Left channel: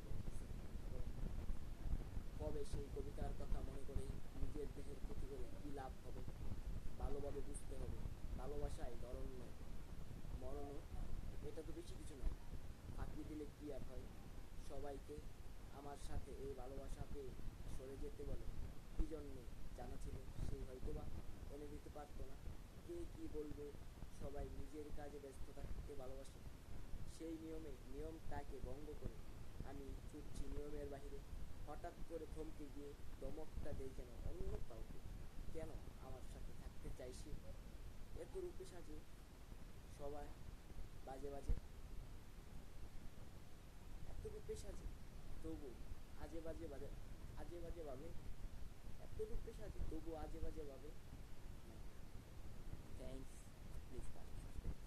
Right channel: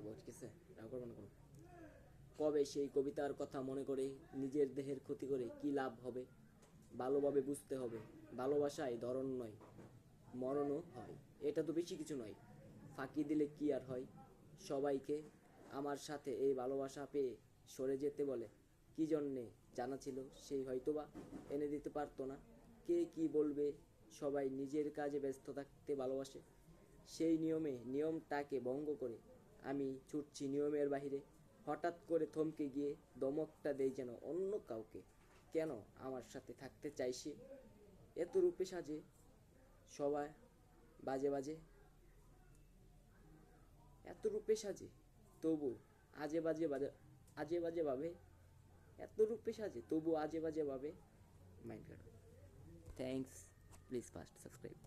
থাকবো, ঠিক আছে? কবে সেই কবিতার কথা মনে করে নিজের দেহের ক্ষতি করে কি লাভ হবে? ভালোভাবে বুঝতে হবে, ভালোবাসায় ধরন নয়, মরণও হয়। এটা তো বেশি কিছু নয়, ফাঁকি দিলে কি আর হয়? সবাইকে আমার সাথে এই ভালোবাসা পেয়ে সরে যেতে বলে, কি জন্যে জানা ছিল সেই হয়তোবা এনে দিতে পারতো না। কে কি বলবে, সবাই নিজের কাজে ব্যস্ত থাকতে ভালোবাসে। সেই নিয়মটাকে ভঙ্গ করে আমি ছুটছি নিয়মের বাহিরে। হঠাৎ করে থমকে গিয়ে দমকটা দেই যেন অন্য কাউকে। কেন আমার সাথে থাকতে চাইছে? এত রূপে সাজে সবাই বাজে বাজে, এত রূপে সাজে তবু আজে বাজে বাজে, আজে বাজে ভাবে। এত রূপে সাজে তবু আজে বাজে ভাবে। Mind. Thanks, please first subscribe.